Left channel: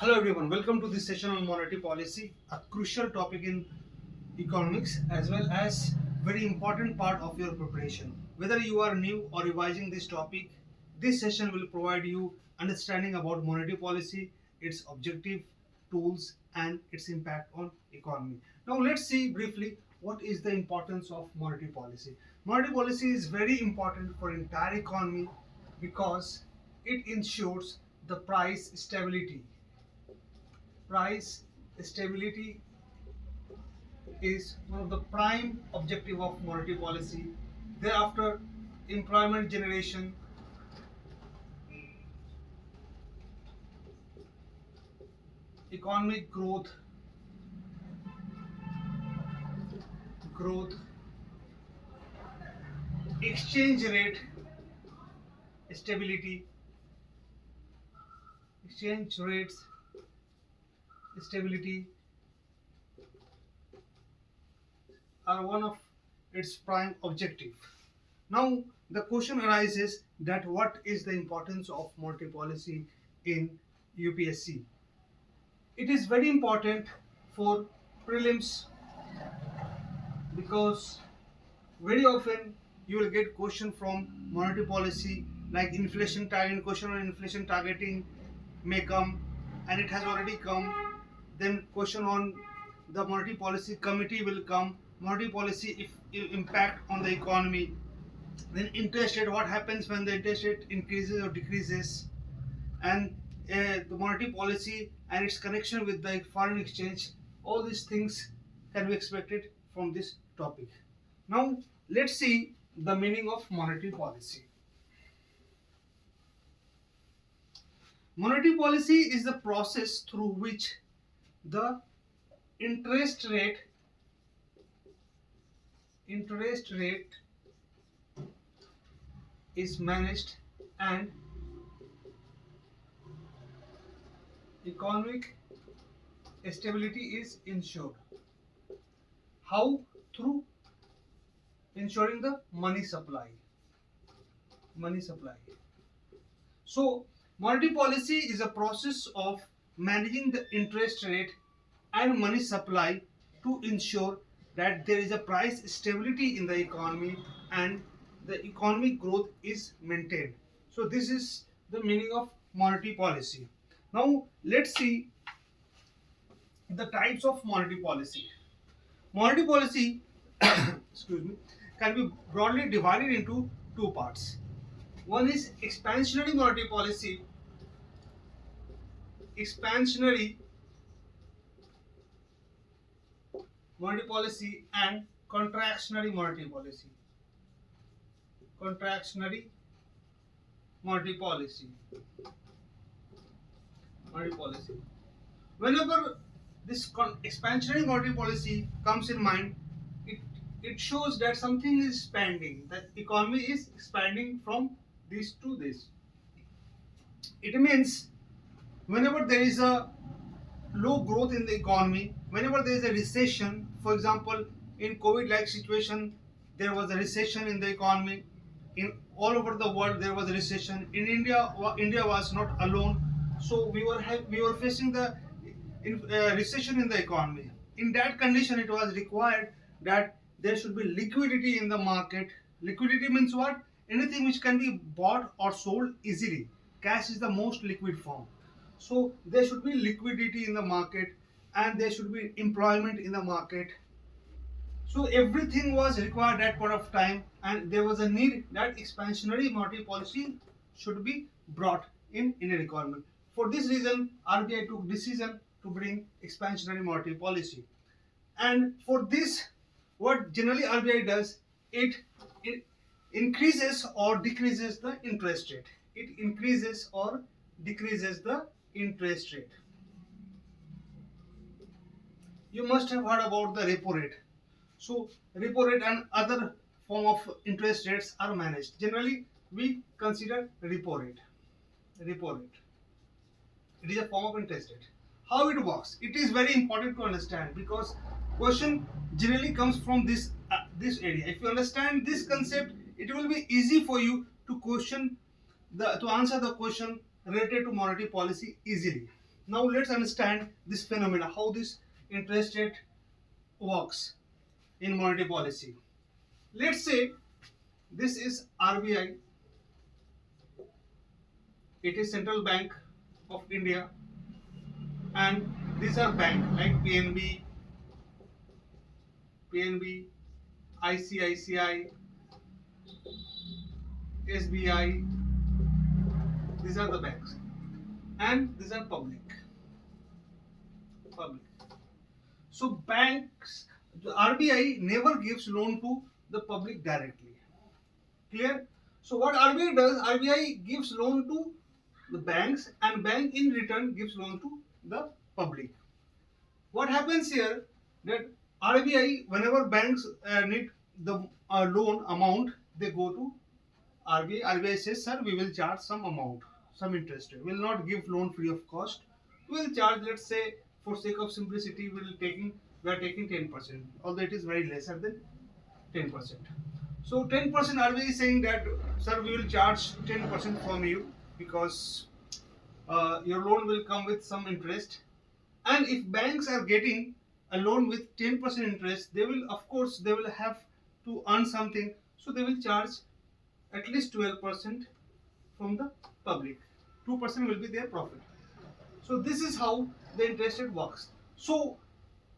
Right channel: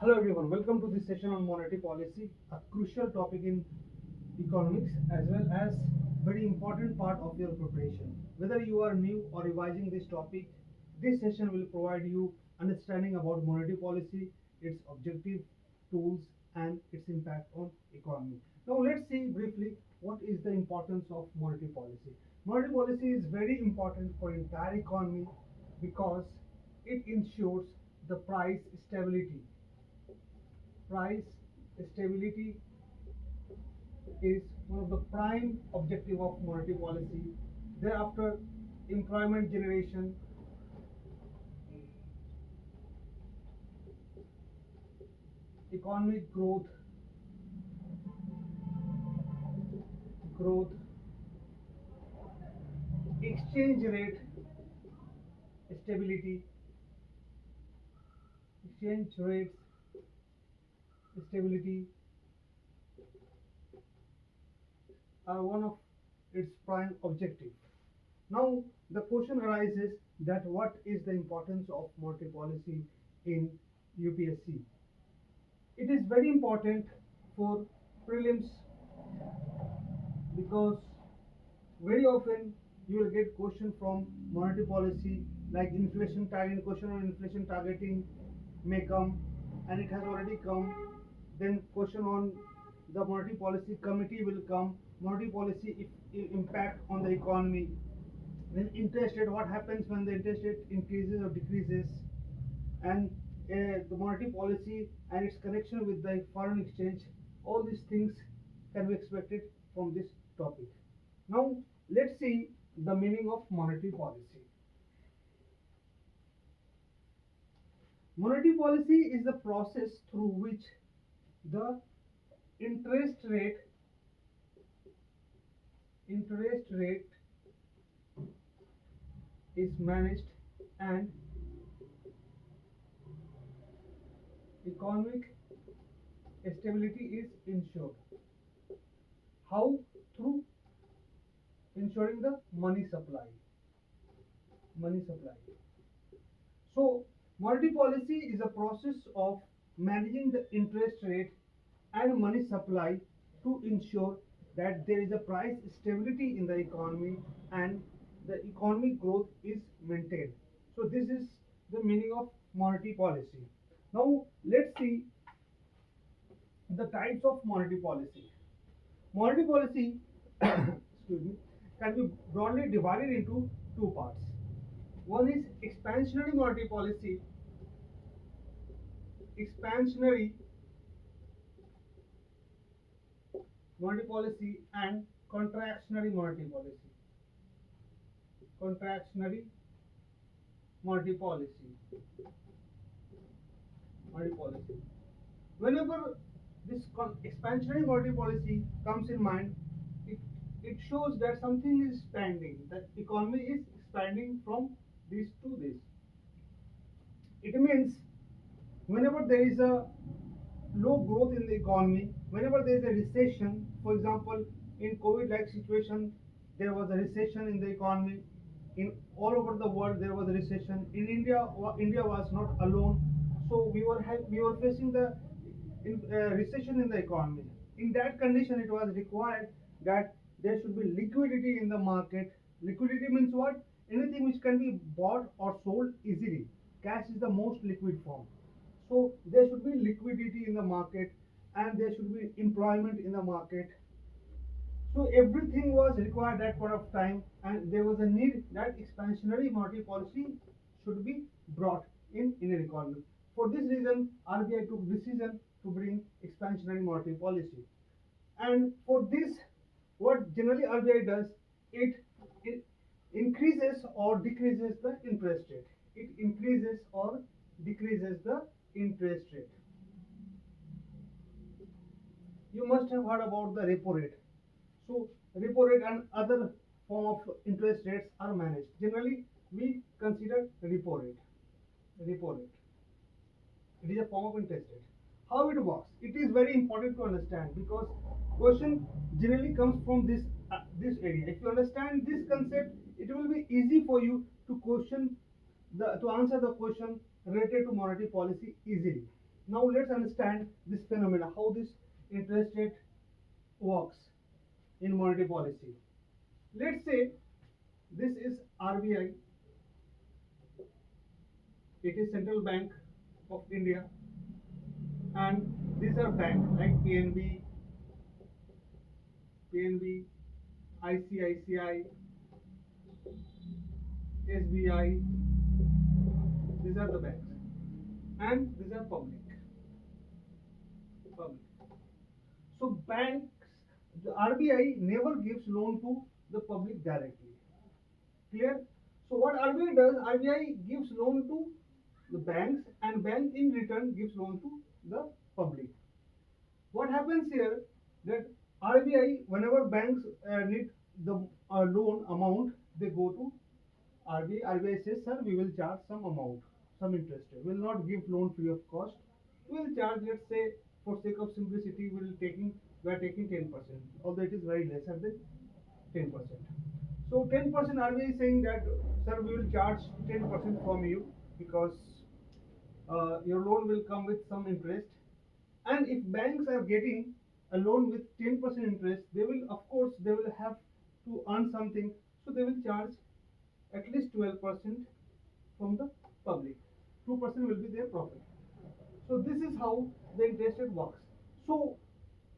Hello everyone, welcome to this session on monetary policy, a crucial topic in economics as well as very important part of your preparation. Whether you are new or revising this topic, this session will provide you understanding about monetary policy, its objective, tools and its impact on economy. Now let's see briefly what is the importance of monetary policy. Monetary policy is very important for entire economy because it ensures the price stability. Price stability is one of the prime objective of monetary policy. Thereafter, employment generation, economic growth, exchange rate stability, exchange rates stability are one of its prime objective. Now the question arises that what is the importance of monetary policy in UPSC? It is very important for prelims because very often you will get question from monetary policy like inflation target, question on inflation targeting may come, and it has already come. Then question on the monetary policy committee will come, monetary policy if impact on the economy, then interest rate, what happens when the interest rate increases or decreases, and the monetary policy and its connection with the foreign exchange. All these things can be expected from this topic. Now let's see the meaning of monetary policy. Monetary policy is the process through which the interest rate is managed and economic stability is ensured. How? Through ensuring the money supply. So monetary policy is a process of managing the interest rate and money supply to ensure that there is a price stability in the economy and the economic growth is maintained. So this is the meaning of monetary policy. Now let's see the types of monetary policy. Monetary policy excuse me, can be broadly divided into two parts. One is expansionary monetary policy and contractionary monetary policy. Contractionary monetary policy. Whenever this expansionary monetary policy comes in mind, it it shows that something is expanding. That economy is expanding from this to this. It means whenever there is a low growth in the economy, whenever there is a recession, for example, in COVID-like situation, there was a recession in the economy. In all over the world, there was a recession. In India, India was not alone. So we were facing the recession in the economy. In that condition, it was required that there should be liquidity in the market. Liquidity means what? Anything which can be bought or sold easily. Cash is the most liquid form. So there should be liquidity in the market and there should be employment in the market. So everything was required at point of time, and there was a need that expansionary monetary policy should be brought in Indian economy. For this reason, RBI took decision to bring expansionary monetary policy. And for this, what generally RBI does, it increases or decreases the interest rate. It increases or decreases the interest rate. You must have heard about the repo rate. So repo rate and other form of interest rates are managed. Generally, we consider repo rate. Repo rate. It is a form of interest rate. How it works? It is very important to understand because question generally comes from this area. If you understand this concept, it will be easy for you to answer the question related to monetary policy easily. Now let's understand this phenomena, how this interest rate works in monetary policy. Let's say this is RBI, it is Central Bank of India, and these are bank like PNB, ICICI, SBI. These are the banks, and these are public. So banks, the RBI never gives loan to the public directly. Clear? So what RBI does, RBI gives loan to the banks, and bank in return gives loan to the public. What happens here, that RBI, whenever banks need the loan amount, they go to RBI. RBI says, sir, we will charge some amount, some interest rate. We will not give loan free of cost. We will charge, let's say, for sake of simplicity, we are taking 10%, although it is very lesser than 10%. So 10% RBI is saying that, sir, we will charge 10% from you because your loan will come with some interest. And if banks are getting a loan with 10% interest, they will, of course, they will have to earn something. So they will charge at least 12% from the public. 2% will be their profit. So this is how the interest rate works. So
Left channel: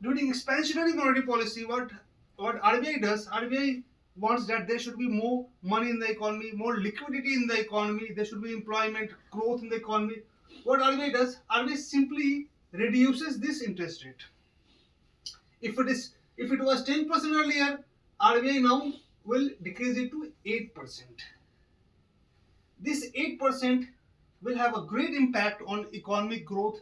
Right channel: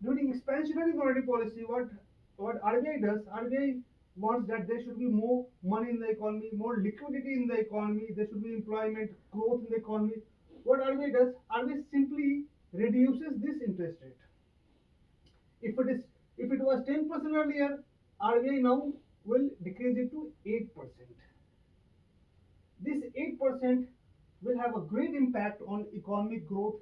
during expansionary monetary policy, what RBI does, RBI wants that there should be more money in the economy, more liquidity in the economy, there should be employment, growth in the economy. What RBI does, RBI simply reduces this interest rate. If it was 10% earlier, RBI now will decrease it to 8%. This 8% will have a great impact on economic growth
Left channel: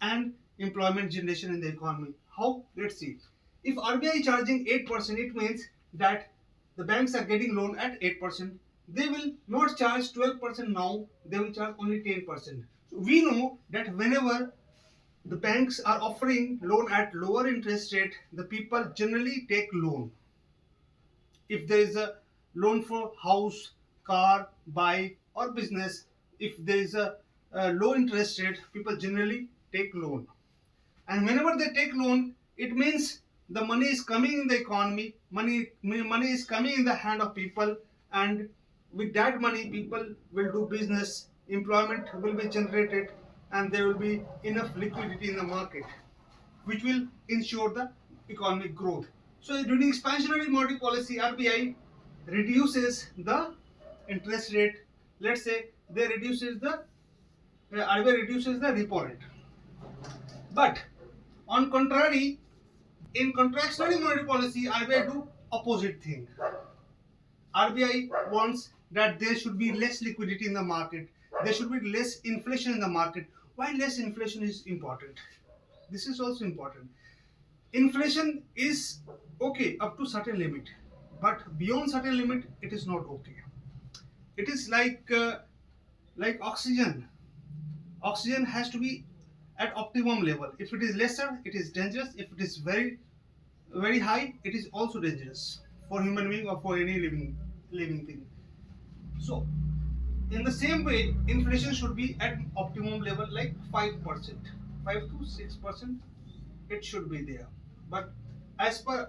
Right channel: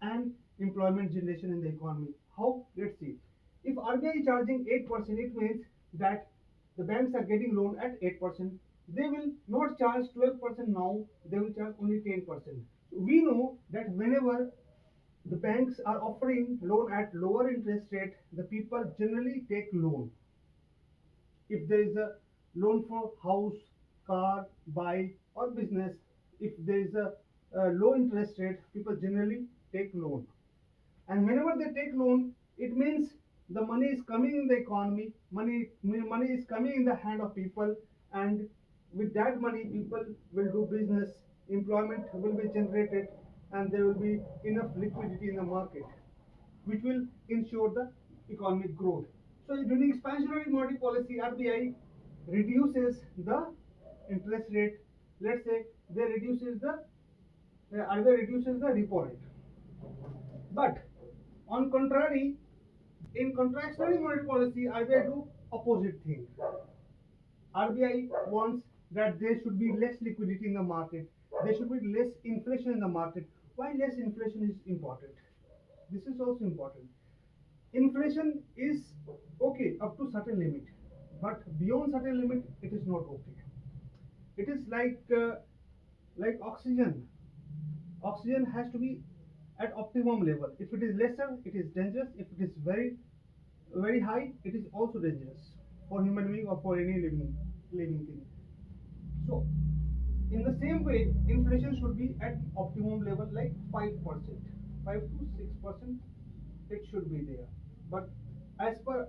and employment generation in the economy. How? Let's see. If RBI is charging 8%, it means that the banks are getting loan at 8%. They will not charge 12% now, they will charge only 10%. So we know that whenever the banks are offering loan at lower interest rate, the people generally take loan. If there is a loan for house, car, bike or business, if there is a low interest rate, people generally take loan. And whenever they take loan, it means the money is coming in the economy, money is coming in the hand of people, and with that money people will do business, employment will be generated, and there will be enough liquidity in the market, which will ensure the economic growth. So during expansionary monetary policy, RBI reduces the interest rate. Let's say they reduces the RBI reduces the repo rate. But on contrary, in contractionary monetary policy, RBI do opposite thing. RBI wants that there should be less liquidity in the market, there should be less inflation in the market. Why less inflation is important? This is also important. Inflation is okay up to certain limit, but beyond certain limit, it is not okay. It is like oxygen. Oxygen has to be at optimum level. If it is lesser, it is dangerous. If it is very high, it is also dangerous for human being or for any living thing. So in the same way, inflation should be at optimum level, like 5%, 5 to 6%. It should be there. But as per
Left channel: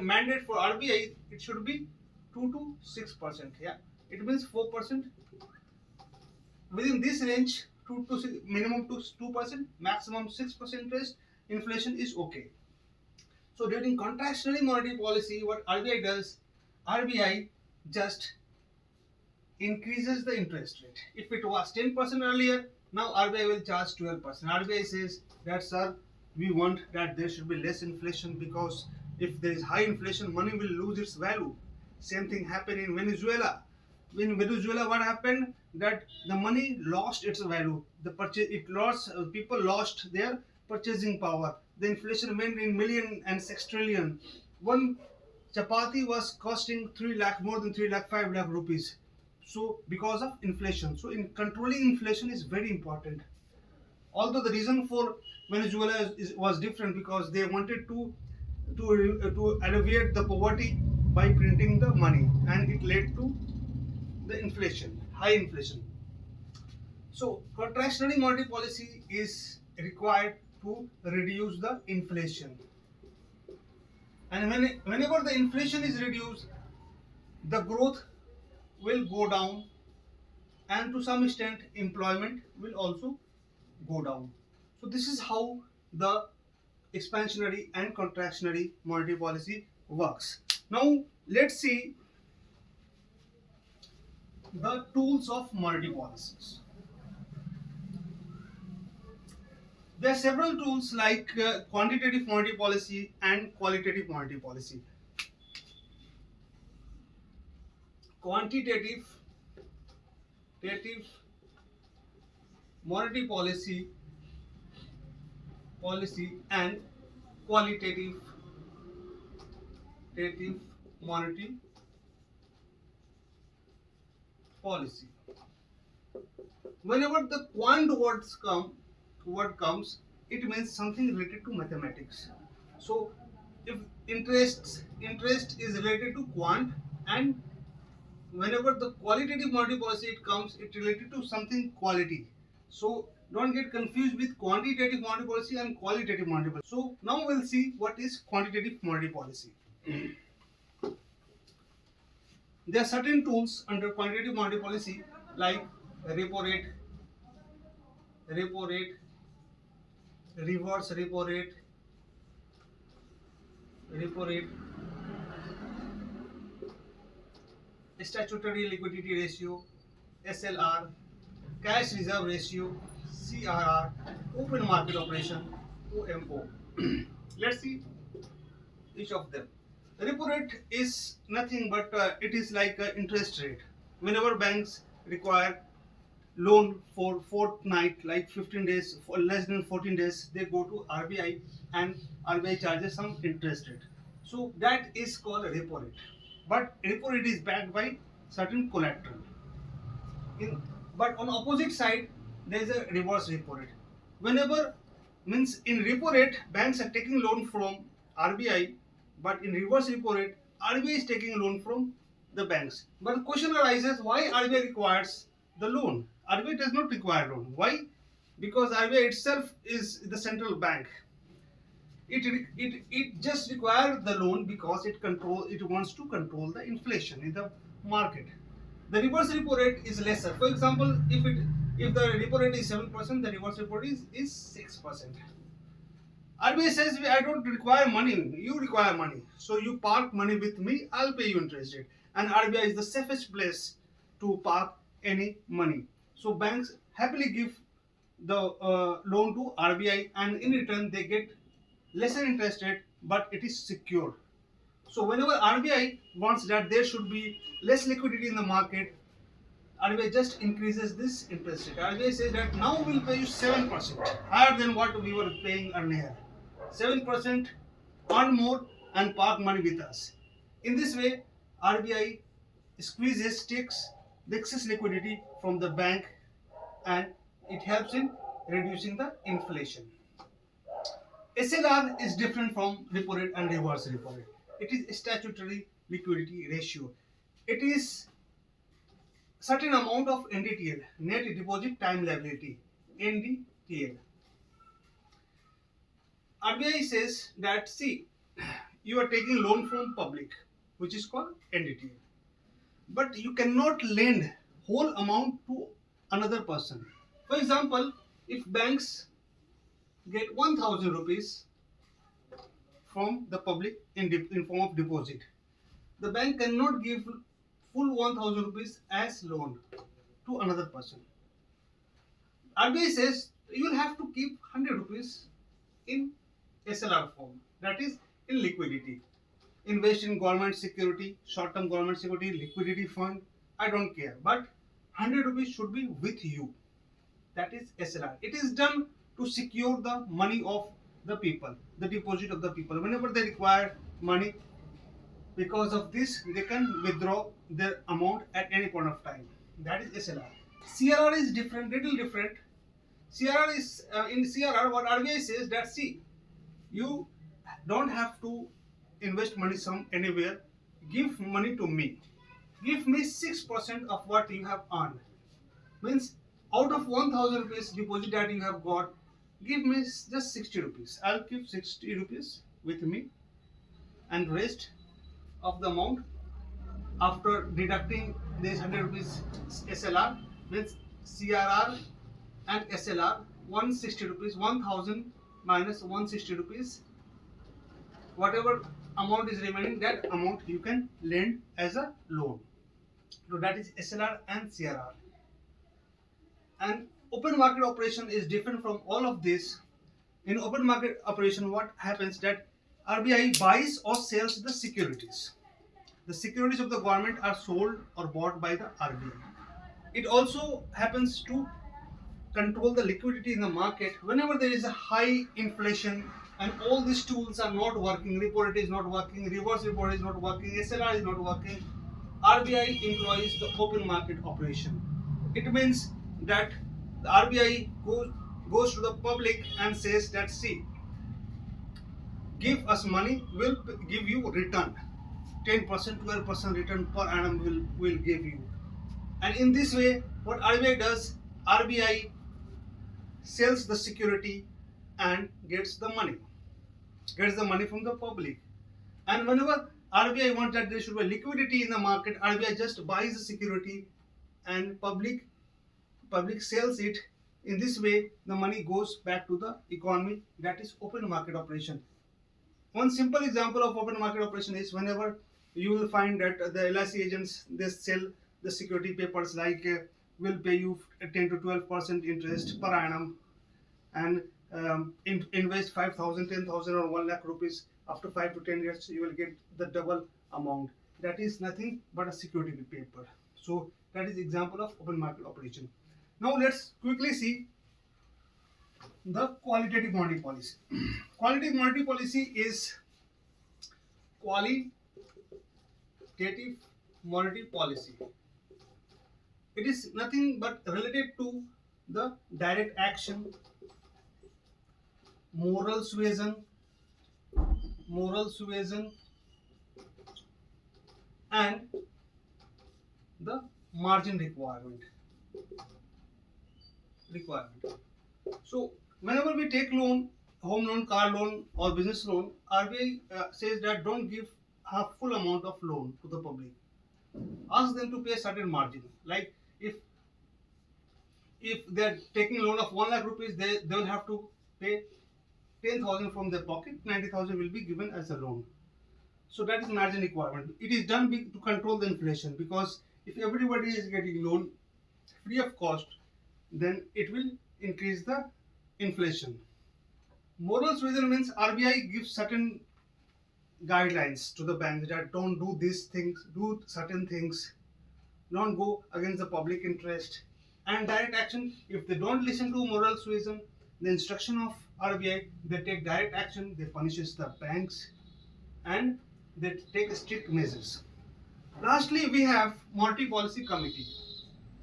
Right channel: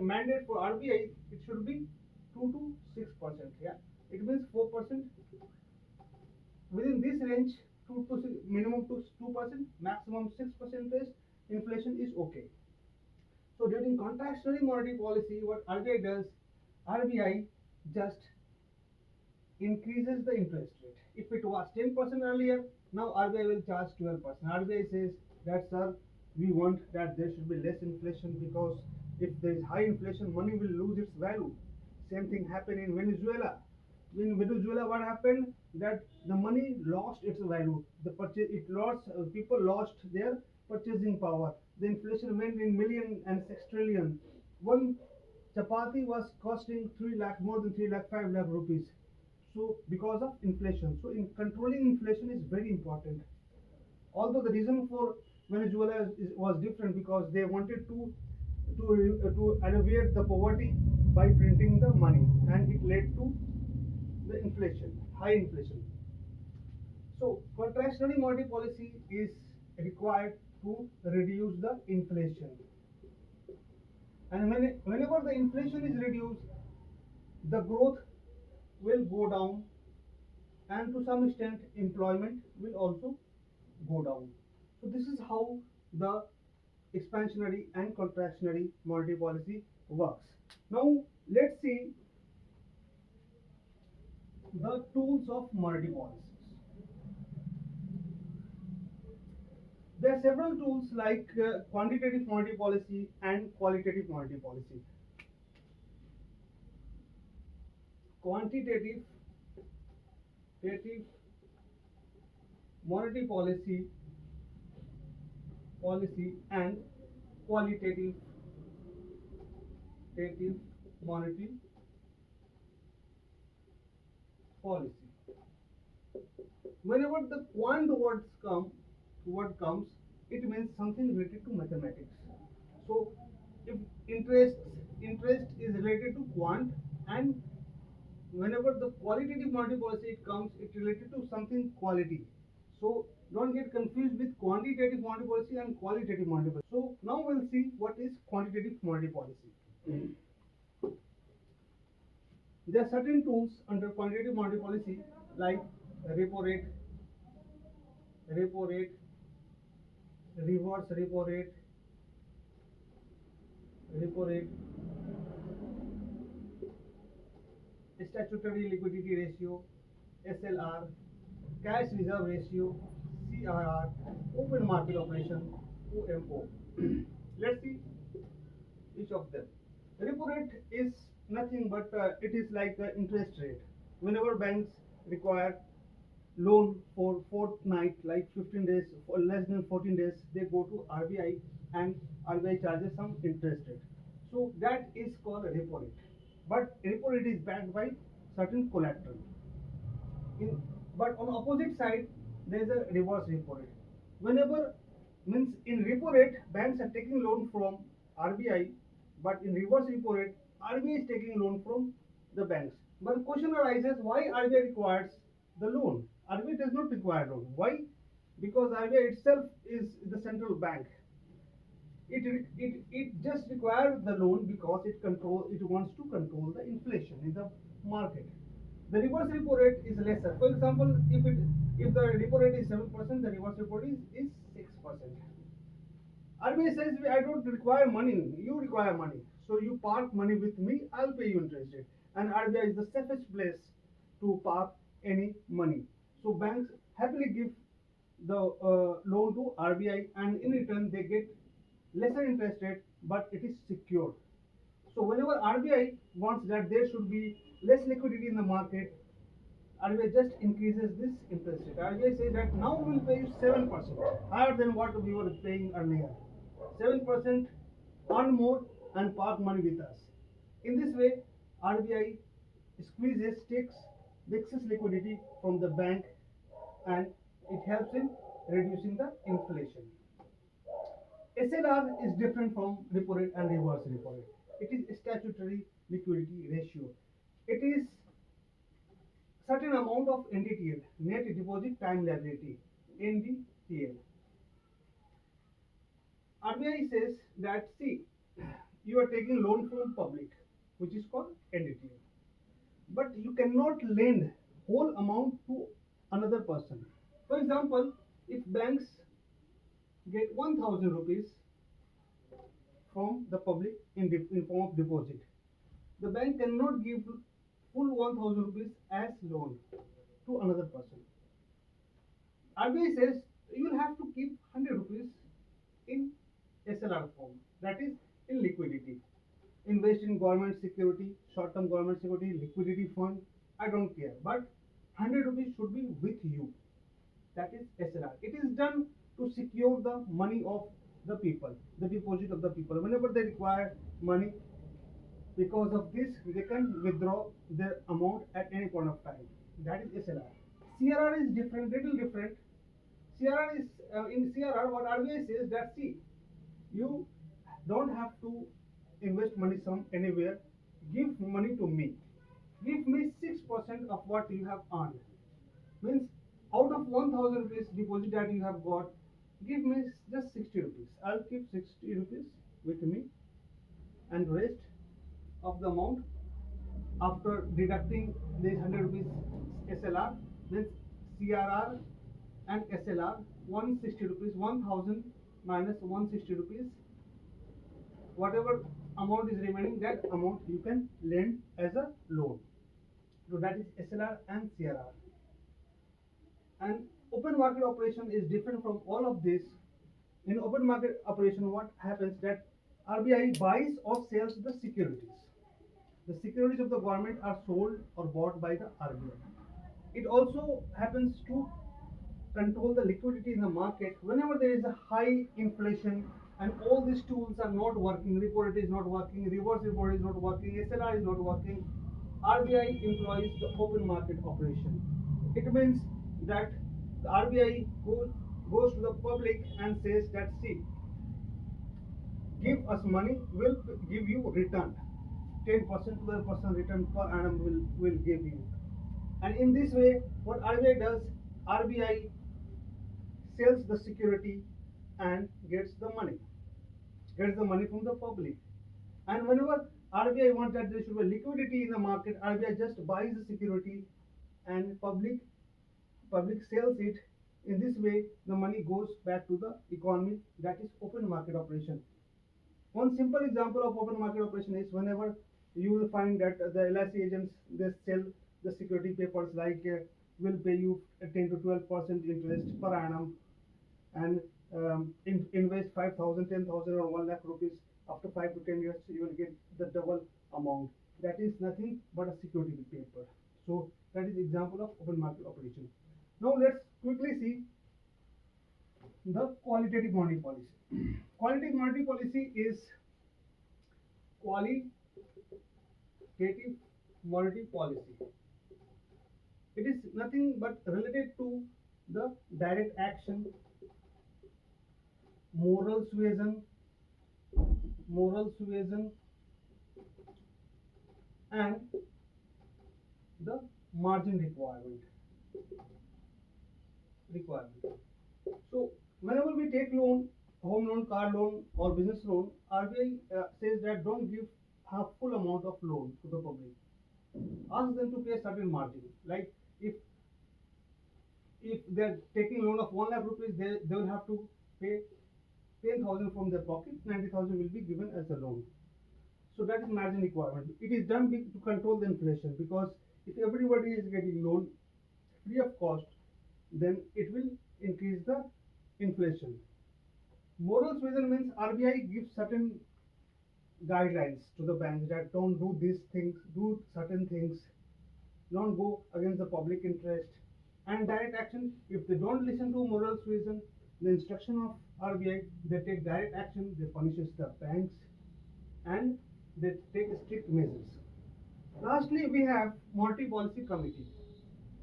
mandate for RBI, it should be 2 to 6%. Yeah, it means 4%. Within this range, 2 to 6, minimum to 2%, maximum 6% interest, inflation is okay. So during contractionary monetary policy, what RBI does, RBI just increases the interest rate. If it was 10% earlier, now RBI will charge 12%. RBI says that, sir, we want that there should be less inflation, because if there is high inflation, money will lose its value. Same thing happened in Venezuela. In Venezuela, what happened? That the money lost its value. People lost their purchasing power. The inflation went in million and sextillion. One chapati was costing 3 lakh, more than 3 lakh, 5 lakh rupees. So because of inflation. So in controlling inflation is very important. Although the reason for Venezuela was different, because they wanted to alleviate the poverty by printing the money, and it led to the inflation, high inflation. So contractionary monetary policy is required to reduce the inflation. And whenever the inflation is reduced, the growth will go down, and to some extent employment will also go down. So this is how the expansionary and contractionary monetary policy works. Now let's see the tools of monetary policies. There are several tools like quantitative monetary policy and qualitative monetary policy. Quantitative monetary policy and qualitative monetary policy. Whenever the quant word comes, it means something related to mathematics. So if interest is related to quant, and whenever the qualitative monetary policy it comes, it related to something quality. So don't get confused with quantitative monetary policy and qualitative monetary policy. So now we'll see what is quantitative monetary policy. There are certain tools under quantitative monetary policy like repo rate, reverse repo rate, statutory liquidity ratio, SLR, cash reserve ratio, CRR, open market operation, OMO. Let's see each of them. Repo rate is nothing but it is like an interest rate. Whenever banks require loan for fortnight, like 15 days, for less than 14 days, they go to RBI, and RBI charges some interest rate. So that is called repo rate. But repo rate is backed by certain collateral. But on opposite side, there is a reverse repo rate. Whenever means in repo rate, banks are taking loan from RBI, but in reverse repo rate, RBI is taking loan from the banks. But the question arises, why RBI requires the loan? RBI does not require loan. Why? Because RBI itself is the central bank. It just requires the loan because it wants to control the inflation in the market. The reverse repo rate is lesser. For example, if the repo rate is 7%, the reverse repo rate is 6%. RBI says, I don't require money, you require money. So you park money with me, I'll pay you interest rate. And RBI is the safest place to park any money. So banks happily give the loan to RBI, and in return they get lesser interest rate, but it is secured. So whenever RBI wants that there should be less liquidity in the market, RBI just increases this interest rate. RBI says that now we'll pay you 7%, higher than what we were paying earlier. 7%, earn more and park money with us. In this way, RBI takes the excess liquidity from the bank, and it helps in reducing the inflation. SLR is different from repo rate and reverse repo rate. It is statutory liquidity ratio. It is certain amount of NDTL, net deposit time liability, NDTL. RBI says that, see, you are taking loan from public, which is called NDTL, but you cannot lend whole amount to another person. For example, if banks get 1,000 rupees from the public in form of deposit, the bank cannot give full 1,000 rupees as loan to another person. RBI says you will have to keep 100 rupees in SLR form, that is in liquidity. Invest in government security, short-term government security, liquidity fund, I don't care, but 100 rupees should be with you. That is SLR. It is done to secure the money of the people, the deposit of the people. Whenever they require money, because of this, they can withdraw their amount at any point of time. That is SLR. CRR is different, little different. CRR is in CRR, what RBI says that, see, you don't have to invest money anywhere. Give money to me. Give me 6% of what you have earned. Means out of 1,000 rupees deposit that you have got, give me just 60 rupees. I'll keep 60 rupees with me, and rest of the amount after deducting this 100 rupees SLR means CRR and SLR 160 rupees, 1000 minus 160 rupees, whatever amount is remaining, that amount you can lend as a loan. So that is SLR and CRR. And open market operation is different from all of this. In open market operation, what happens that RBI buys or sells the securities. The securities of the government are sold or bought by the RBI. It also happens to control the liquidity in the market whenever there is a high inflation and all these tools are not working. Repo rate is not working, reverse repo rate is not working, SLR is not working. RBI employs the open market operation. It means that the RBI goes to the public and says that, see, give us money, we'll give you return. 10%, 12% return per annum will give you. And in this way, what RBI does, RBI sells the security and gets the money from the public. And whenever RBI wants that there should be liquidity in the market, RBI just buys the security and public sells it. In this way, the money goes back to the economy. That is open market operation. One simple example of open market operation is whenever you will find that the LIC agents, they sell the security papers like will pay you 10 to 12% interest per annum, and invest 5,000, 10,000 or 1 lakh rupees. After 5 to 10 years, you will get the double amount. That is nothing but a security paper. So that is example of open market operation. Now let's quickly see the qualitative monetary policy. Qualitative monetary policy is qualitative monetary policy. It is nothing but related to the direct action, moral suasion, and the margin requirement. So whenever we take loan, home loan, car loan, or business loan, RBI says that don't give a full amount of loan to the public. Ask them to pay a certain margin. Like if they are taking loan of 1 lakh rupees, they will have to pay 10,000 from their pocket. 90,000 will be given as a loan. So that is margin requirement. It is done to control the inflation, because if everybody is getting loan free of cost, then it will increase the inflation. Moral suasion means RBI gives certain guidelines to the banks that don't do these things, do certain things, don't go against the public interest. And direct action, if they don't listen to moral suasion, the instruction of RBI, they take direct action, they punishes the banks, and they take strict measures. Lastly, we have Monetary Policy Committee,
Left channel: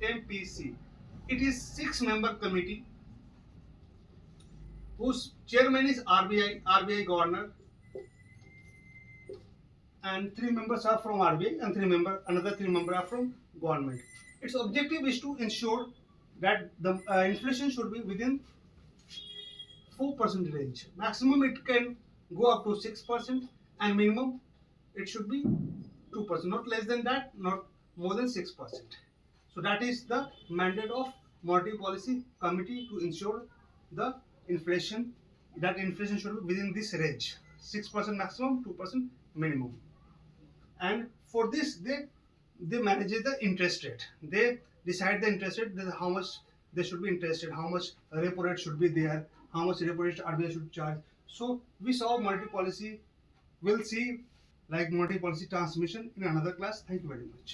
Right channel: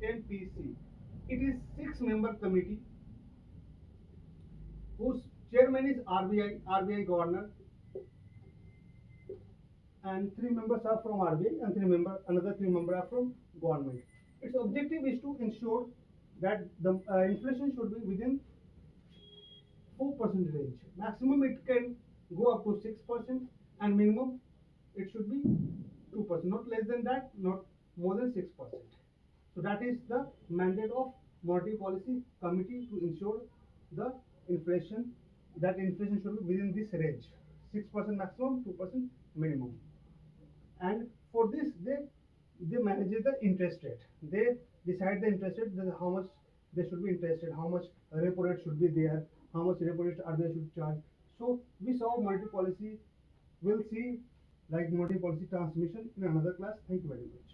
MPC. It is 6-member committee whose chairman is RBI governor, and 3 members are from RBI and another 3 members are from government. Its objective is to ensure that the inflation should be within 4% range. Maximum it can go up to 6%, and minimum it should be 2%, not less than that, not more than 6%. So that is the mandate of Monetary Policy Committee, to ensure the inflation should be within this range, 6% maximum, 2% minimum. And for this, they manage the interest rate. They decide the interest rate, how much they should be interested, how much repo rate should be there, how much repo rate RBI should charge. So we saw monetary policy. We'll see like monetary policy transmission in another class. Thank you very much.